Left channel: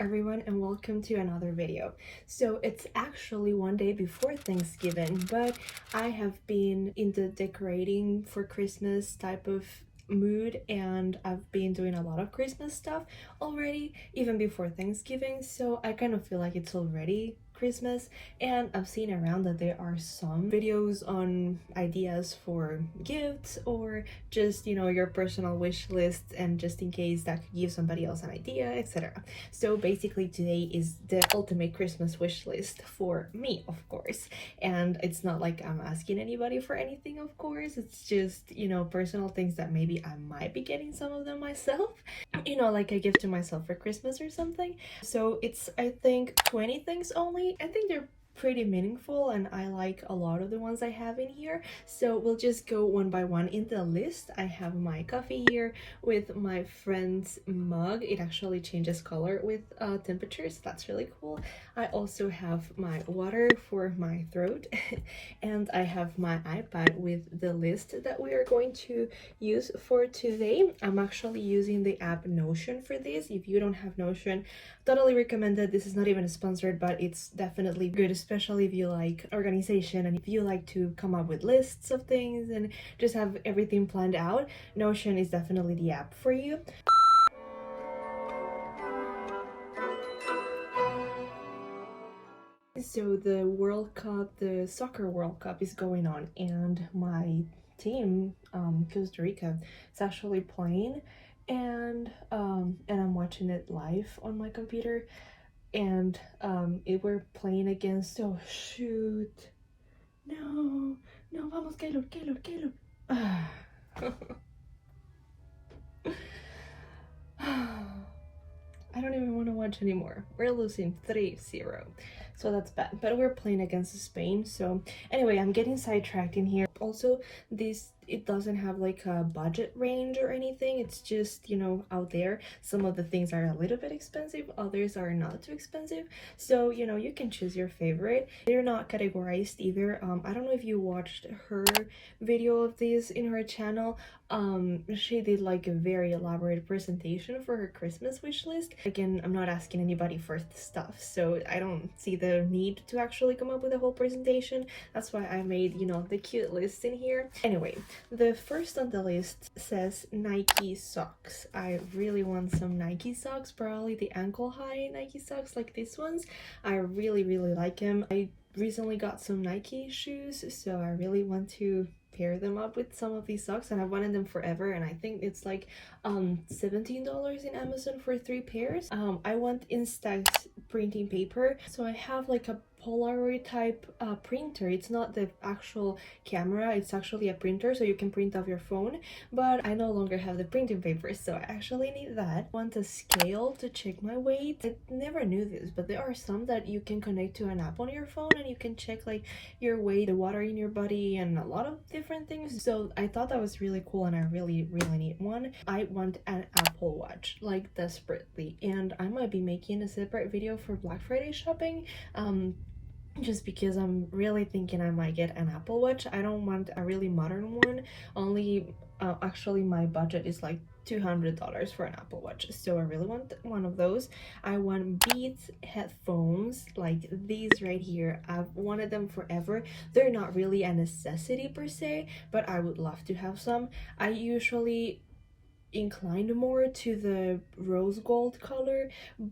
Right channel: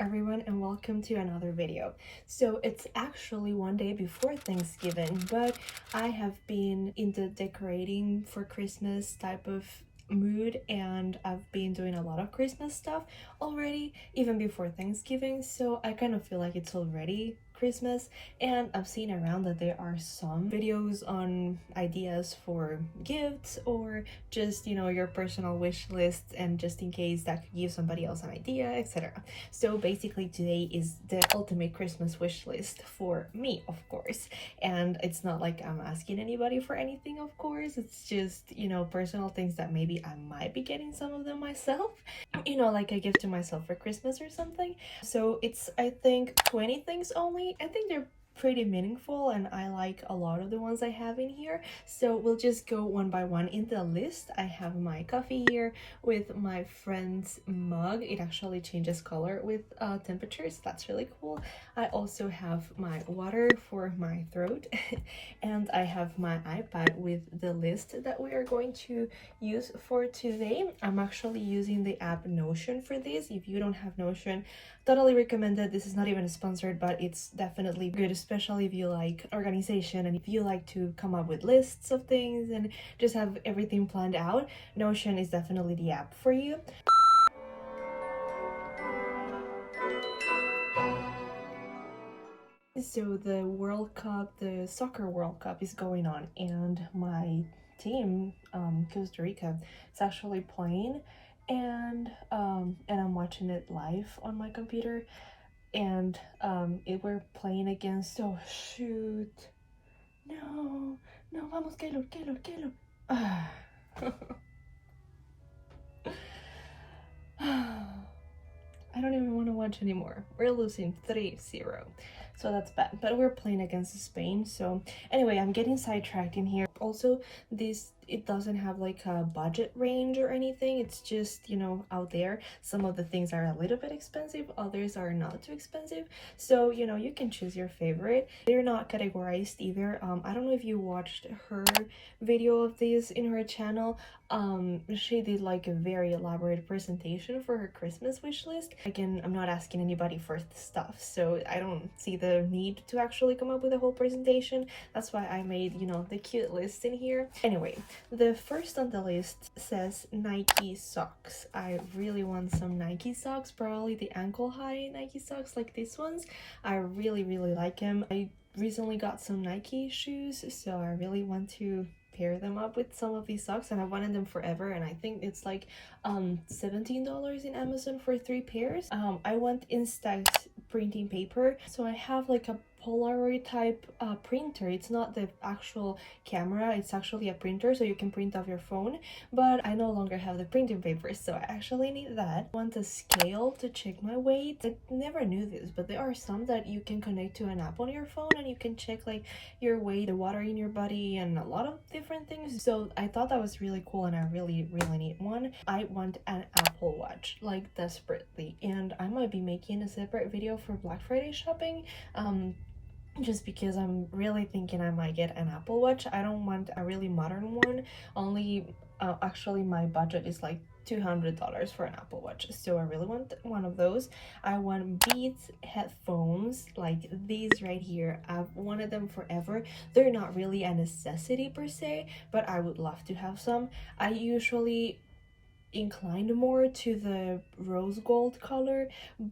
everyone, and welcome to another video. So it's actually one day before Thanksgiving, but I have been in the decorating for Christmas type of mood, and I've been doing a lot of Christmas stuff already even before Thanksgiving, so I kind of feel like it's already Christmas. And I've seen around that there are some videos on ideas for gifts or just, your personal wish list, and just in case that could give somebody else an idea, etc. So basically today is the ultimate Christmas wish list for me, of course. And it's not like I'm asking anybody for anything, of course. It's just, personal things that maybe I might be getting some of them myself, like a gift to myself for Christmas or something. So it's, I think, 20 things only. I think they're pretty meaningful and I like a lot of the ones I have in here. So we'll just go one by one in the list. I have my coffee here with my friend's mug. It actually changes color with temperatures. That's really cool. I also have my water for my throat and I have my iPad with the list that we are going to use for today. I'm actually using the app Notion for this. If you don't have Notion, totally recommended. This is not even sponsored, but it's definitely good, especially if you like organization and if you like to come up with lists of things and just have everything planned out. Notion is definitely the app for you. So the World Cup, the soccer World Cup is going on, and my team, Costa Rica, is actually playing, and I'm watching it live on my computer, and we're playing against. Oh shoot! No, no, vamos, Kelo. Ah. I don't even want to watch anymore. We're losing 3-0. So that's bad. But we're playing against Spain. So anyway, I'm getting sidetracked in here. Also, it doesn't have like a budget range or anything. It's just, out there. Some of the things are a little bit expensive, others are not too expensive. So, you can choose your favorite. They're not categorized either. I don't know if you watched her video of this in her channel. She did like a very elaborate presentation for her Christmas wish list. Again, I'm not asking anybody for stuff, so I don't see the need to actually come up with a whole presentation. That's why I made, the cute list in here. Anyway, the first on the list says Nike socks. I really want some Nike socks, probably the ankle high Nike socks like these ones. I really like them. I recently got some Nike shoes, so I really want to pair them up with some of these socks, and I've wanted them forever, and I think it's like $17 in Amazon for 3 pairs. I want instant printing paper, so I have like a Polaroid type printer. It's not the actual camera, it's actually a printer, so you can print off your phone, but I no longer have the printing paper, so I actually need that. I want a scale to check my weight. I never knew this, but there are some that you can connect to an app on your phone and you can check like your weight, the water in your body, and a lot of different things. So I thought that was really cool, and I really need one. I want an Apple Watch, like desperately, and I might be making a separate video for Black Friday shopping, just because I'm really thinking I might get an Apple Watch. I don't want a really modern one, only actually my budget is like $200 for an Apple Watch, so I really want one of those. I want Beats headphones like these right here. I've wanted them forever. They're not really a necessity per se, but I would love to have some. I usually inclined more to the rose gold color,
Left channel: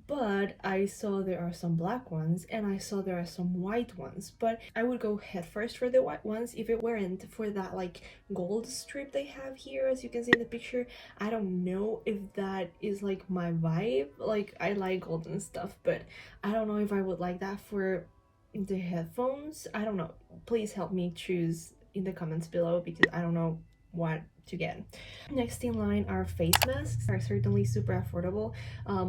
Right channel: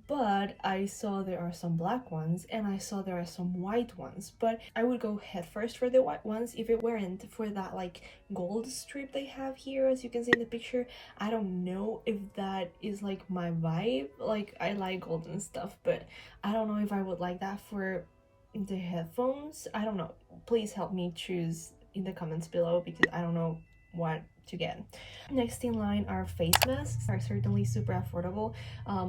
but I saw there are some black ones and I saw there are some white ones, but I would go head first for the white ones if it weren't for that like gold strip they have here, as you can see in the picture. I don't know if that is like my vibe. Like, I like gold and stuff, but I don't know if I would like that for the headphones. I don't know. Please help me choose in the comments below, because I don't know what to get. Next in line are face masks. Are certainly super affordable.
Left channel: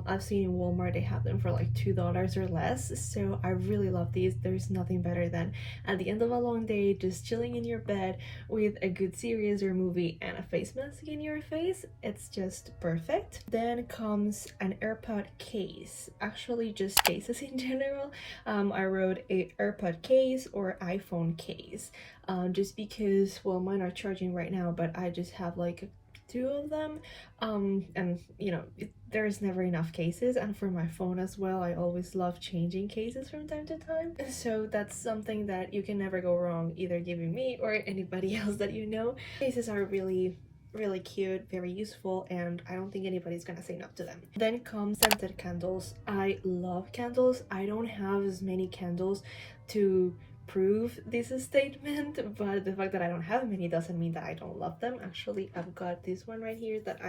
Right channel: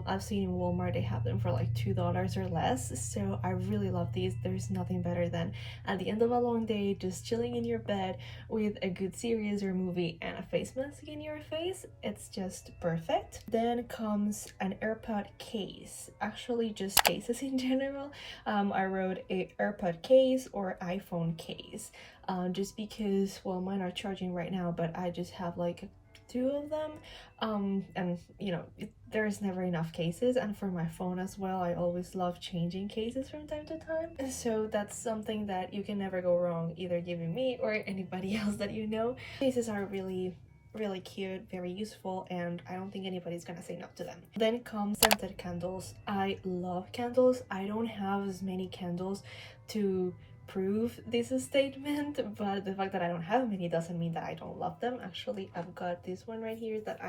I've seen in Walmart they have them for like $2 or less, so I really love these. There's nothing better than at the end of a long day just chilling in your bed with a good series or movie and a face mask in your face. It's just perfect. Then comes an AirPod case, actually just cases in general. I wrote a AirPod case or iPhone case, just because, well, mine are charging right now, but I just have like 2 of them. And you know, there's never enough cases, and for my phone as well, I always love changing cases from time to time, so that's something that you can never go wrong either giving me or anybody else that you know. Cases are really cute, very useful, and I don't think anybody's gonna say no to them. Then comes scented candles. I love candles. I don't have as many candles to prove this statement, but the fact that I don't have many doesn't mean that I don't love them. Actually, I've got this one right here that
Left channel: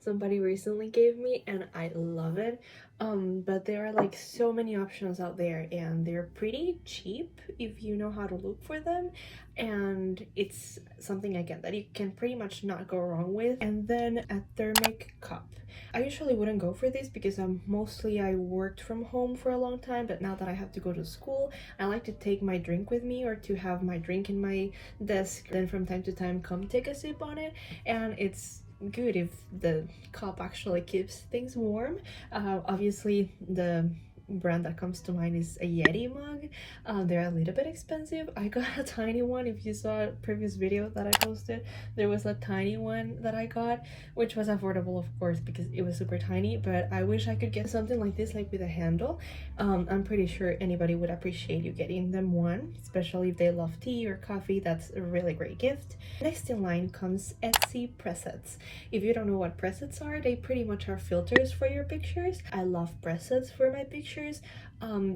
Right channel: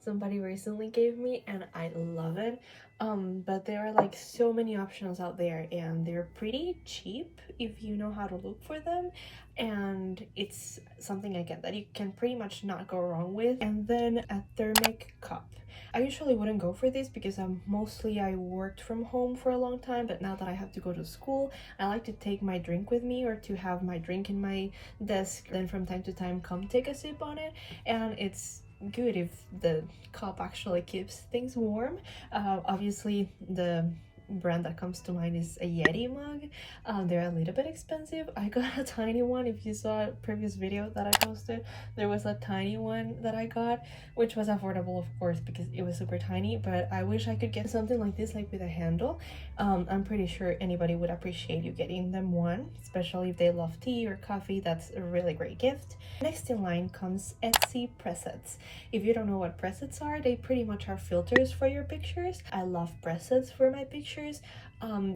somebody recently gave me, and I love it. But there are like so many options out there, and they're pretty cheap if you know how to look for them, and it's something again that you can pretty much not go wrong with. And then a thermic cup. I usually wouldn't go for this because I worked from home for a long time, but now that I have to go to school, I like to take my drink with me or to have my drink in my desk, then from time to time come take a sip on it. And it's good if the cup actually keeps things warm. Obviously the brand that comes to mind is a Yeti mug. They're a little bit expensive. I got a tiny one. If you saw a previous video that I posted, there was a tiny one that I got, which was affordable of course because it was super tiny, but I wish I could get something like this, like with a handle. I'm pretty sure anybody would appreciate you getting them one, especially if they love tea or coffee. That's a really great gift. Next in line comes Etsy presets. If you don't know what presets are, they pretty much are filters for your pictures. I love presets for my pictures.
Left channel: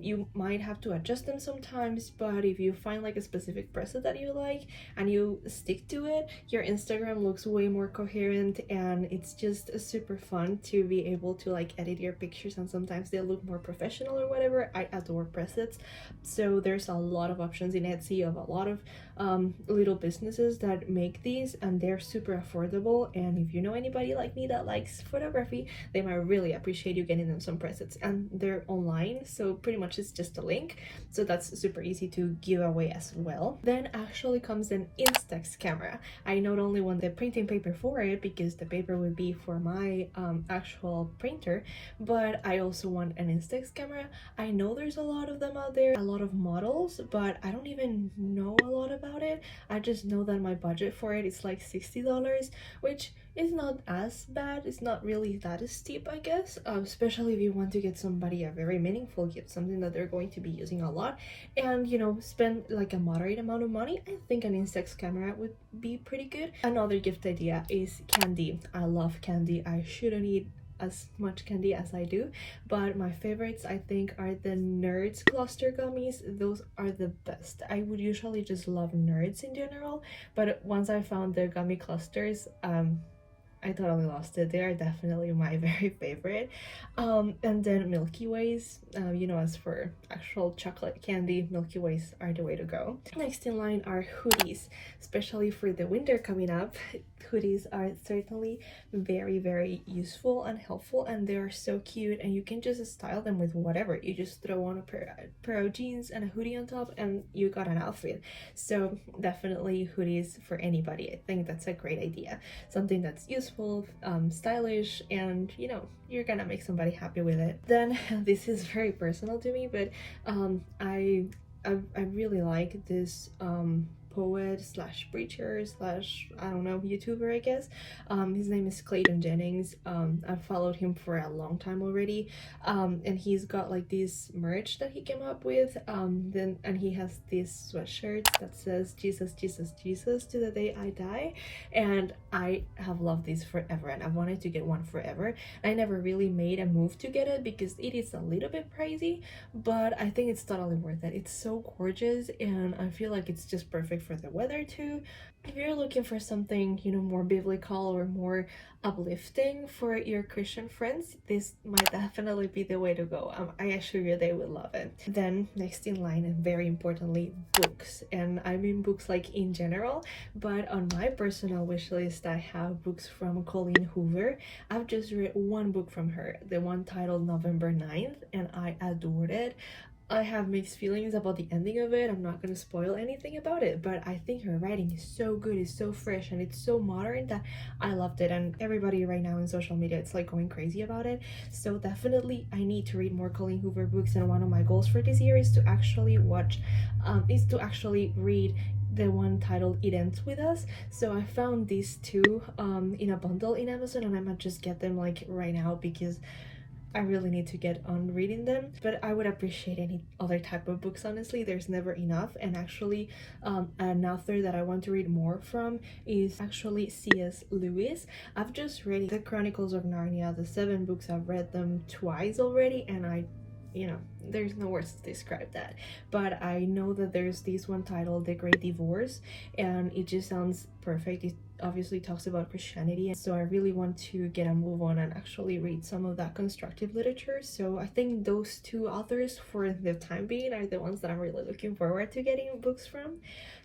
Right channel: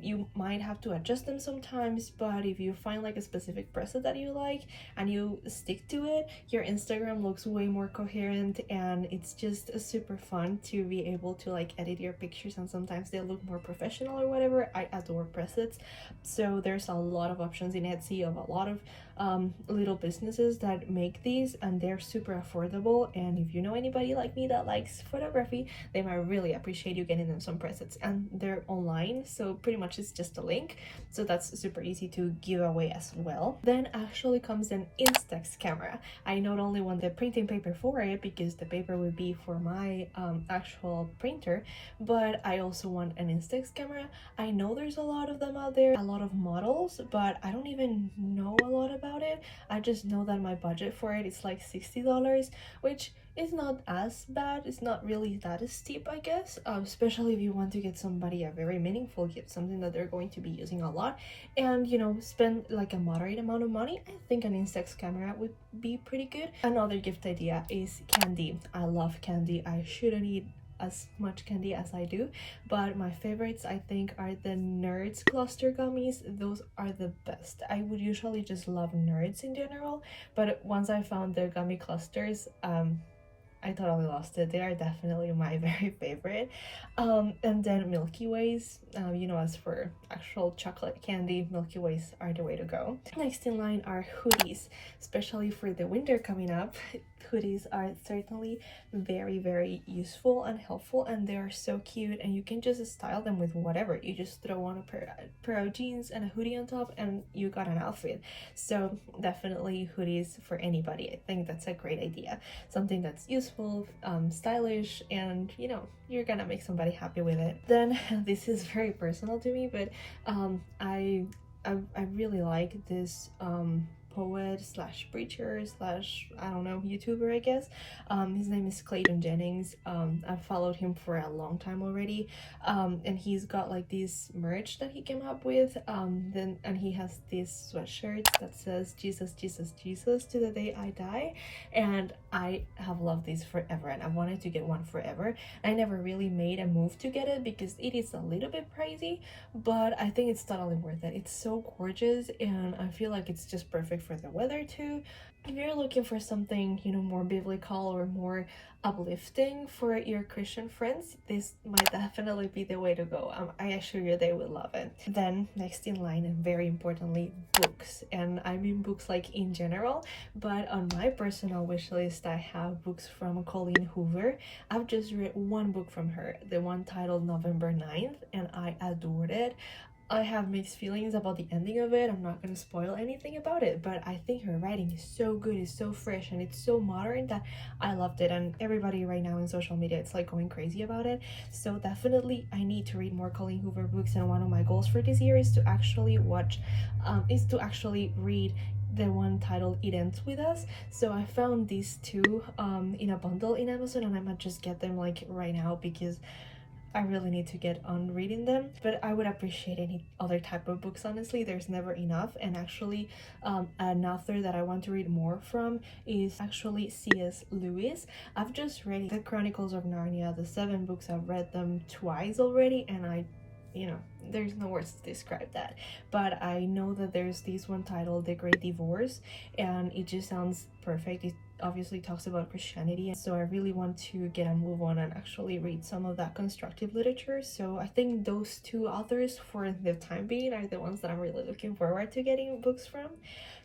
You might have to adjust them sometimes, but if you find like a specific preset that you like and you stick to it, your Instagram looks way more coherent, and it's just super fun to be able to like edit your pictures, and sometimes they look more professional or whatever. I adore presets. So there's a lot of options in Etsy of a lot of little businesses that make these, and they're super affordable. And if you know anybody like me that likes photography, they might really appreciate you getting them some presets, and they're online, so pretty much it's just a link, so that's super easy to give away as well. Then actually comes an Instax camera. I not only want the printing paper for it because the paper would be for my actual printer, but I also want an Instax camera. I know there's a lot of them out there, a lot of models, but I don't even know a lot about it. I just know that my budget for it is like $60, which is not as bad. It's not really that steep, I guess, especially if you want to get somebody a very meaningful gift, something that they're going to be using a lot, and you know, spend like a moderate amount of money. I think an Instax camera would be pretty good. Another gift idea is candy. I love candy. I shouldn't eat as much candy as I do, but my favorites I think are the Nerds cluster gummies. Those are the best. I would usually just love Nerds in general, but once I found their gummy clusters, I totally lost it. They are definitely my very favorite. And then Milky Ways. You know, as for actual chocolate candy, Milky Ways are the way to go. Next in line are hoodies, especially for the winter coming up. Hoodies are certainly very useful and helpful, and they are so cute, and you can just style them with whatever. You just throw on a pair of jeans and a hoodie on top and you got an outfit. So definitely hoodies for anybody. I think that's a great idea, something that's useful, stylish, and you know, you're gonna make somebody happy with it. Then this is very personal to me, but I really like this poet slash preacher slash, I don't know, YouTuber, I guess. His name is Clayton Jennings. I've followed him for a long time already, and he's got like this merch that he came up with, and he has this sweatshirt that says Jesus Jesus Jesus to the day I die, and I have loved this forever, and I wanted to get one forever. I never really made a move to get it because it is a little bit pricey, but I think it's totally worth it. It's so gorgeous, and I feel like it's just perfect for the weather too. If you're looking for something, you know, more biblical or more uplifting for your Christian friends, this might definitely be the way to go. I assure you they will love it. Then next in line, and very importantly, books. And I mean books like in general, but on my personal wish list I have books from Colleen Hoover. I've just read one book from her, the one titled November 9th, and I adored it. I have mixed feelings about the ending of it. I'm not gonna spoil anything about it, but I think her writing is so good, it's so fresh, and it's so modern that I loved it. And everybody right now in social media, it's like going crazy about it. So definitely I need to read more Colleen Hoover books, and one of my goals for this year is to actually read the one titled It Ends With Us. So I found these two in a bundle in Amazon, and I might just get them like right now because I really need to get on reading them. But I would appreciate any other type of books, honestly. There's never enough. And actually, an author that I want to read more from is actually C.S. Lewis. I've just read the Chronicles of Narnia, the 7 books. I've read them twice already, and there's no words to describe that. But I know that there's this one titled The Great Divorce, and it just sounds perfect. It obviously talks about Christianity, so I really want to get a move on and actually read some of that constructive literature. So I think those two authors for the time being are the ones that I'm really looking forward to getting books from.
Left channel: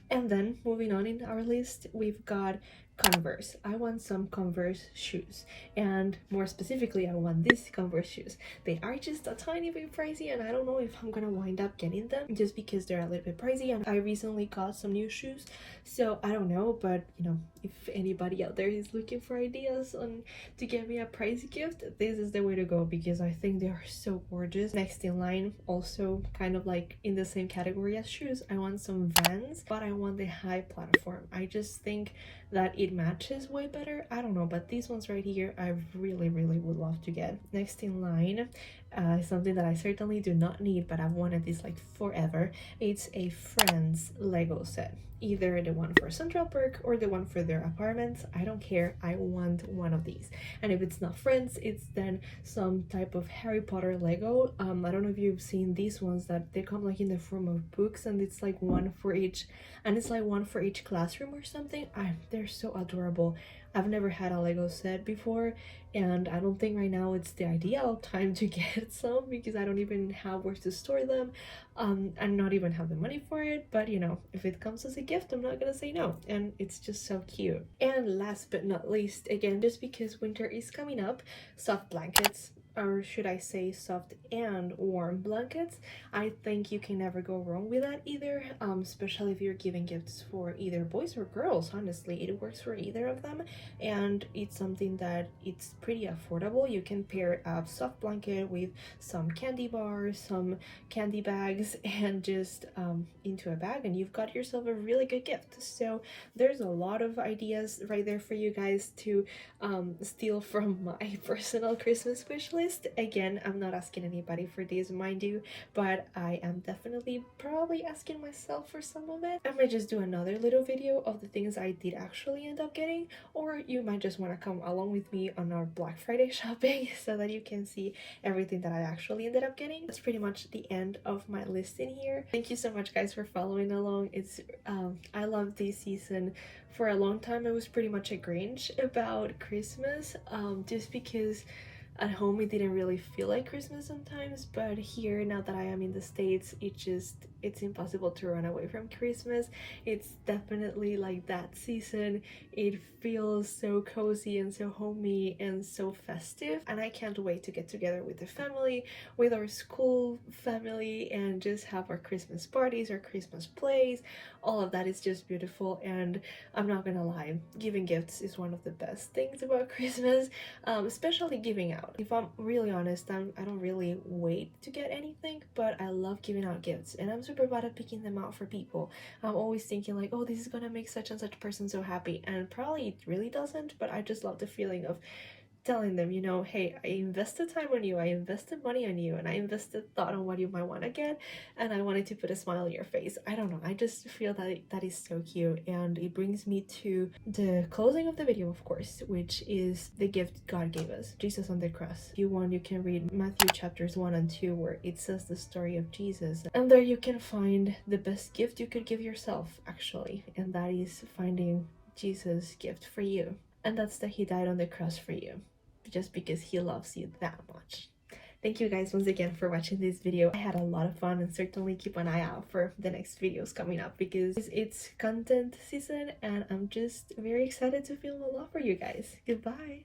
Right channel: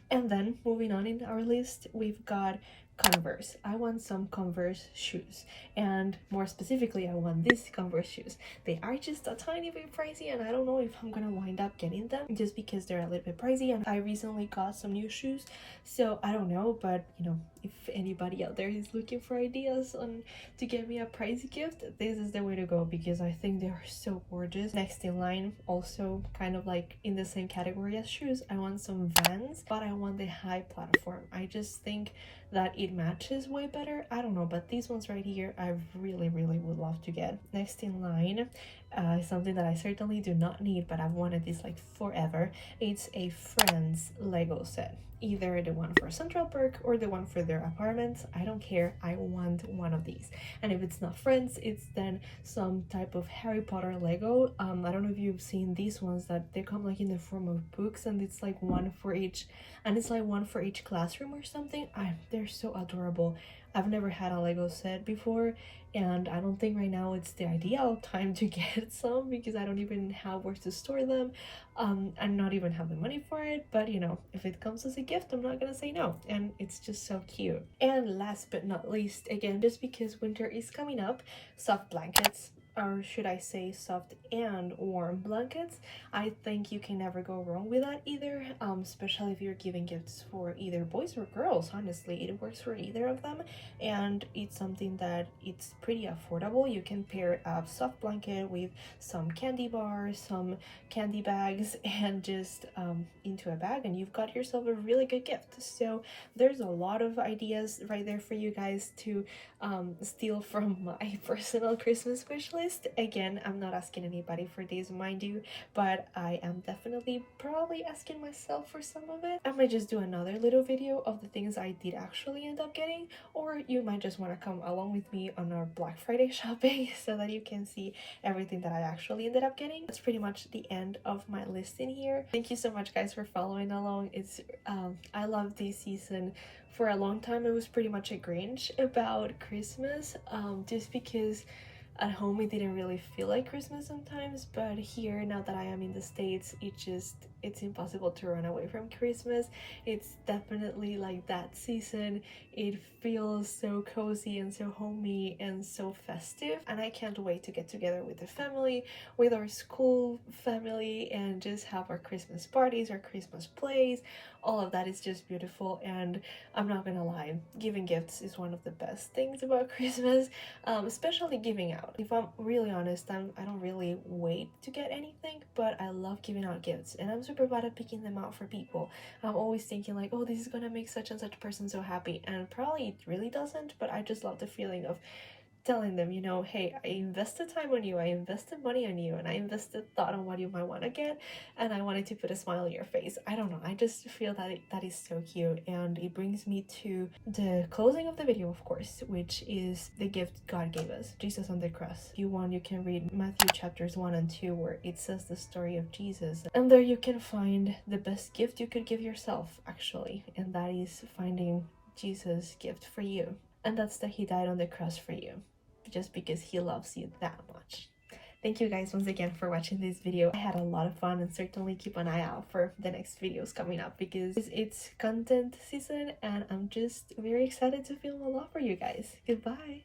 And then moving on in our list, we've got Converse. I want some Converse shoes, and more specifically I want these Converse shoes. They are just a tiny bit pricey, and I don't know if I'm gonna wind up getting them just because they're a little bit pricey, and I recently got some new shoes, so I don't know. But if anybody out there is looking for ideas on to get me a pricey gift, this is the way to go because I think they are so gorgeous. Next in line, also kind of like in the same category as shoes, I want some Vans, but I want the high platform. I just think that it matches way better. I don't know, but these ones right here I really would love to get. Next in line, something that I certainly do not need, but I've wanted this like forever. It's a Friends Lego set, either the one for Central Park or the one for their apartments. I don't care, I want one of these. And if it's not Friends, it's then some type of Harry Potter Lego. I don't know if you've seen these ones that they come like in the form of books, and it's like one for each, and it's like one for each classroom or something. They're so adorable. I've never had a Lego set before, and I don't think right now it's the ideal time to get some because I don't even have where to store them, and not even have the money for it. But if it comes as a gift, I'm not gonna say no, and it's just so cute. And last but not least, again, just because winter is coming up, soft blankets, or should I say soft and warm blankets. I think you can never go wrong with that either, especially if you're giving gifts for either boys or girls. Honestly, it works for either of them, and it's something that it's pretty affordable. You can pair a soft blanket with some candy bars, some candy bags, and just into a bag, and you've got yourself a really good gift. So there's a lot of ideas right there for you guys to steal from my personal Christmas wish list. Again, I'm not asking anybody for these, mind you, but I am definitely probably asking myself for some of it. I might just do another little video of the things I did actually end up getting, or you might just want to come along with me on our Black Friday shopping so that you can see everything that I actually ended up getting. That's pretty much the end of my list in here. Thank you so much guys for following along. It's I love this season. For a long time I was pretty much a Grinch about Christmas, just because at home it didn't really feel like Christmas sometimes, but here, now that I am in the States, it's impossible to run away from Christmas. It's definitely like that season. It feels so cozy and so homey and so festive, and I can't wait to get together with the family, with our school family, and just have our Christmas parties, our Christmas plays. All of that is just beautiful, and I'm not gonna lie, giving gifts is one of the best things about Christmas, especially giving out. If I'm really honest, I don't really wait to get anything, but I love giving out gifts, and I'm super bad at picking them out for people. I'm always thinking like, oh, this is gonna make such and such person so happy, and probably it really doesn't, but I just love the feeling of telling them, hey, I invested time on you, I invested money on you, and I invested thought on what you might want to get, and I wanted to put a smile on your face. I don't know, I just feel that that is so cute, and it brings me to the closing of the video, of course, which is the gift God gave us, Jesus on the cross. If you want, you can read Matthew chapters 1 and 2 where it says the story of Jesus, and there you can find the best gift you could give yourself, actually, and that is finding Jesus' gift for you, and that's that he died on the cross for you, just because he loves you that much. Thank you guys once again for watching this video. I had a lot of fun, and certainly keep an eye out for the next videos coming up because it's content season and I'm just very excited to film a lot for you guys. Goodbye!